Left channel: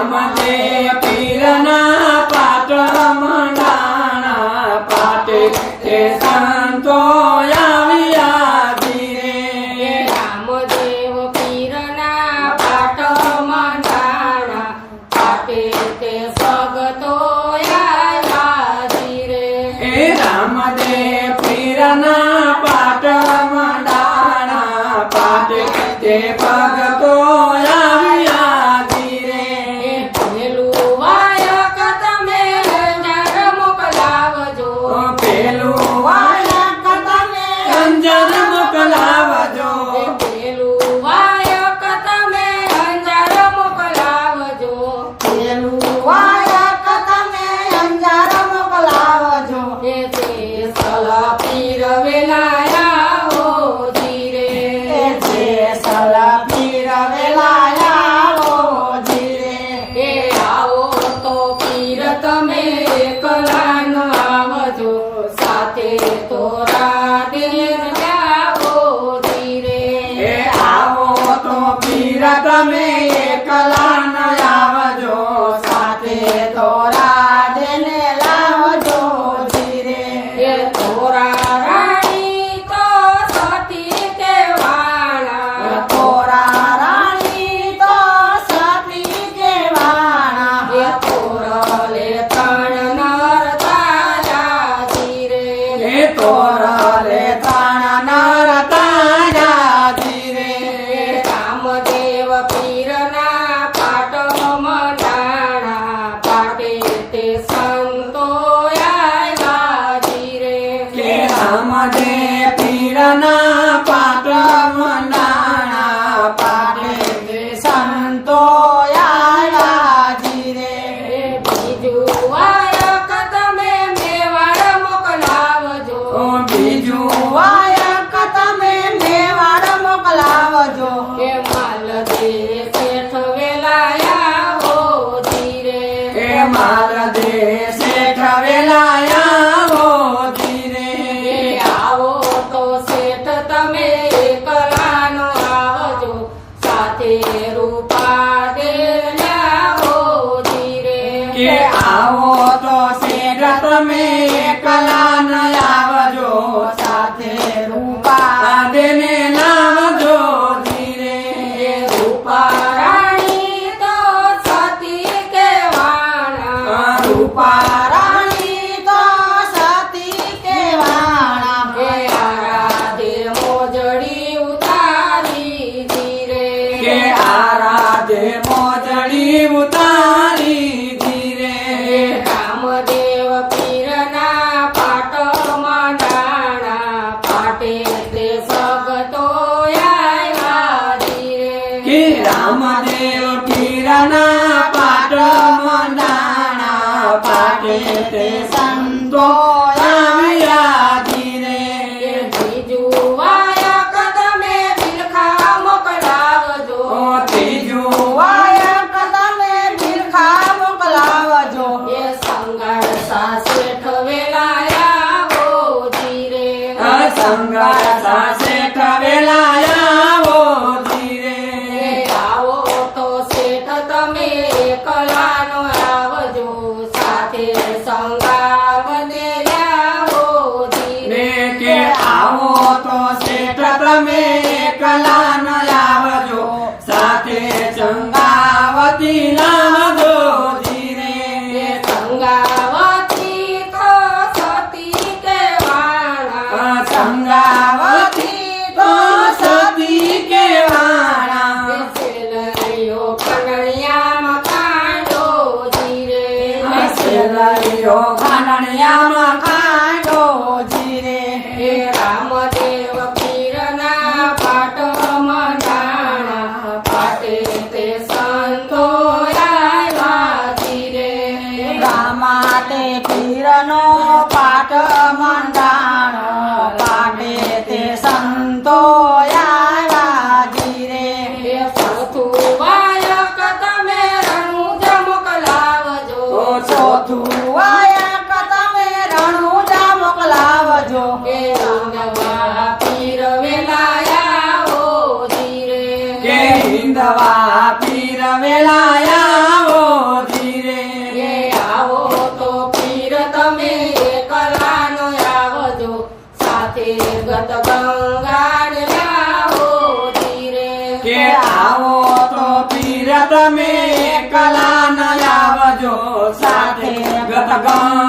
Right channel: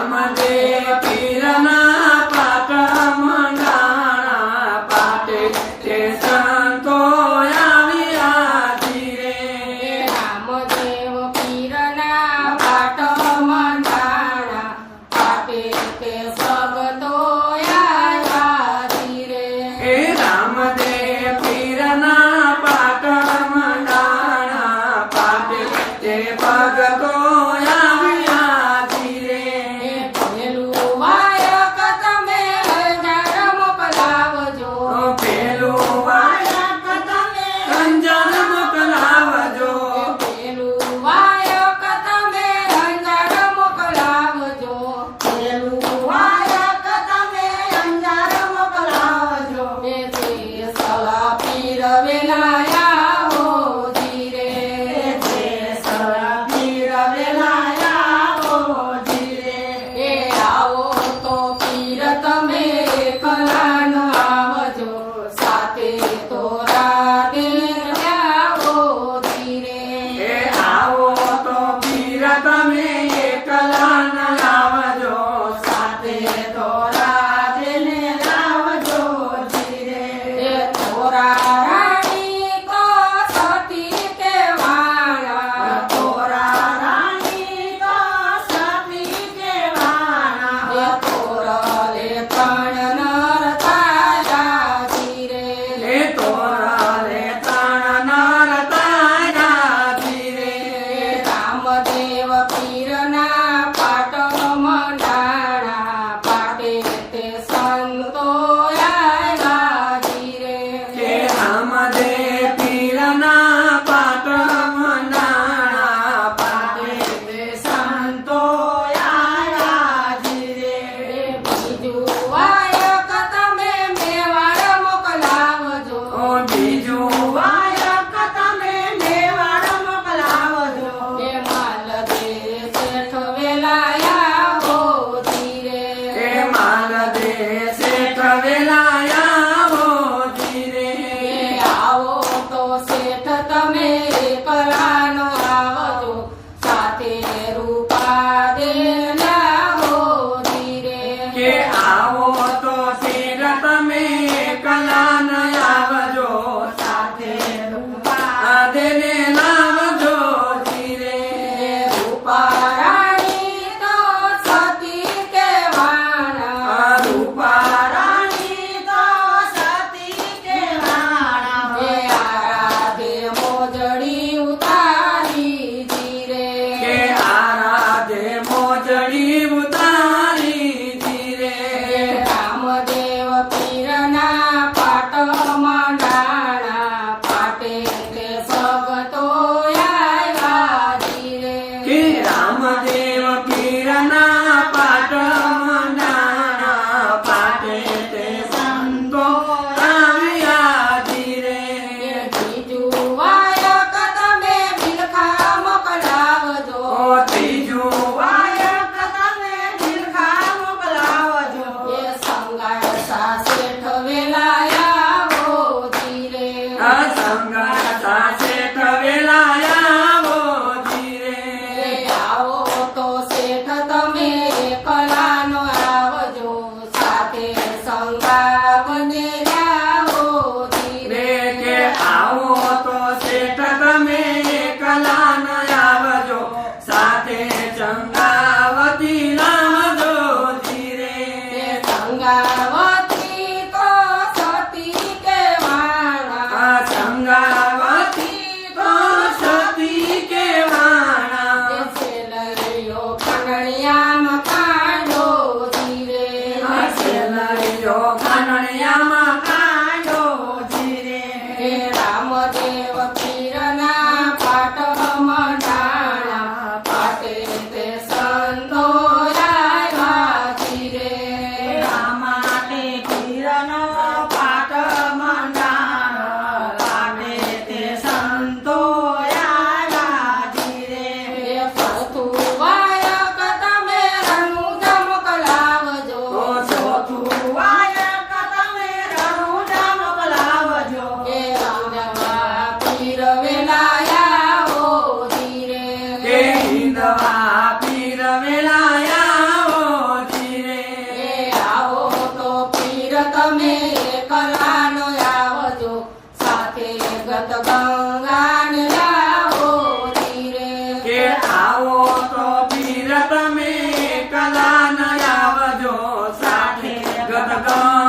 રામદેવ પીરના પાટ મંડાણા પાટે તે સંતો આવ્યા ધીરે રામદેવ પીરના પાટ મંડાણા પાટે તે ભગતો આવ્યા ધીરે રામદેવ પીરના પાટ મંડાણા પાટે તે ભગતો આવ્યા ધીરે પેલું વાયક તમે અંજાર મોકલાવજો પેલું વાયક તમે અંજાર મોકલાવજો પેલું વાયક તમે અંજાર મોકલાવજો પેલું વાયક તમે અંજાર મોકલાવજો તે સલા પીર વેલાયા હો ધીરે તે સલા પીર વેલાયા હો ધીરે એ આવો તો પીર તમે એકલાનો આવજો સાથે તોરા દિલ જાઓ ધીરે એ આવો તો પીર તમે એકલા ન આવજો સાથે તોરા દેને લાવજો ધીરે એ તોરા રાણી તો સતી કેવાણા તોરા રાણી તો સતી કેવાણા એ તોરલે ત્રણ નર તાજા ધીરે એ તોરલે તાણા નર તાજા ધીરે રામદેવ પીરના પાટ મંડાણા પાટે તે સંતો આવ્યા ધીરે કે રામદેવ પીરના પાટ મંડાણા પાટે તે સંતો આવ્યા ધીરે બીજું વાયક તમે મેવાડ મોકલાવજો બીજું વાયક તમે મેવાડ મોકલાવજો એ માલદે શેઠ વેલાયા હો ધીરે એ માલ દેશે વેલાયા હો ધીરે એ આવો તો શેઠ તમે એકલાનો આવજો સાથે રૂપા દેલ્યા હો ધીરે કે આવો તો શેઠ તમે કલા ન આવજો સાથે રૂપા દેને લાવજો ધીરે એ રૂપા રાણી તો સતી કેવાણા રૂપા રાણી તો સતી કેવાણા એ આરાધે મોજડી ઉતારી ધીરે કે આરાધે મોજડી ઉતારી ધીરે રામદેવ પીરના પાટ મંડાણા પાટે તે ભગતો આવ્યા ધીરે કે રામદેવ પીરના પાટ મંડાણા પાટે તે સંતો આવ્યા ધીરે બીજું વાયક તમે બિલખા મોકલાવજો ત્રીજું વાયક તમે બિરખા મોકલાવજો એ સંગાર શેઠ વેલાયા હો ધીરે સંગર સાસે વેલાયા હો ધીરે એ આવો તો શેઠ તમે એકલાનો આવજો સાથે સંગાવને જાઓ ધીરે રે કે આવો તો શેઠ તમે કલા ન આવજો સાથે ચંગાવતી લાવજો ધીરે એ સંગાવતી તો સતી કેવાણા ચંગાવતી તો સતી કેવાણા સેલૈયો કનડિયામાં કાંડો ધીરે સેલૈયો ઘનણિયામાં કાંડો ધીરે હે રામદેવ પીરના પાટ મંડાણા પાટે તે સંતો આવ્યા ધીરે માટે પીરનો પાટ મંડાણ પાટે તે સંતો આવ્યા ધીરે હે ચોથું વાયક તમે રણુજ મોકલાવજો ચોથું વાયક તમે રણુજા મોકલાવજો હે રંગવા પીર વેલાયા હો ધીરે કે હિંદવા પીર વેલાયા હો એકલા ન આવજો સાથે ગત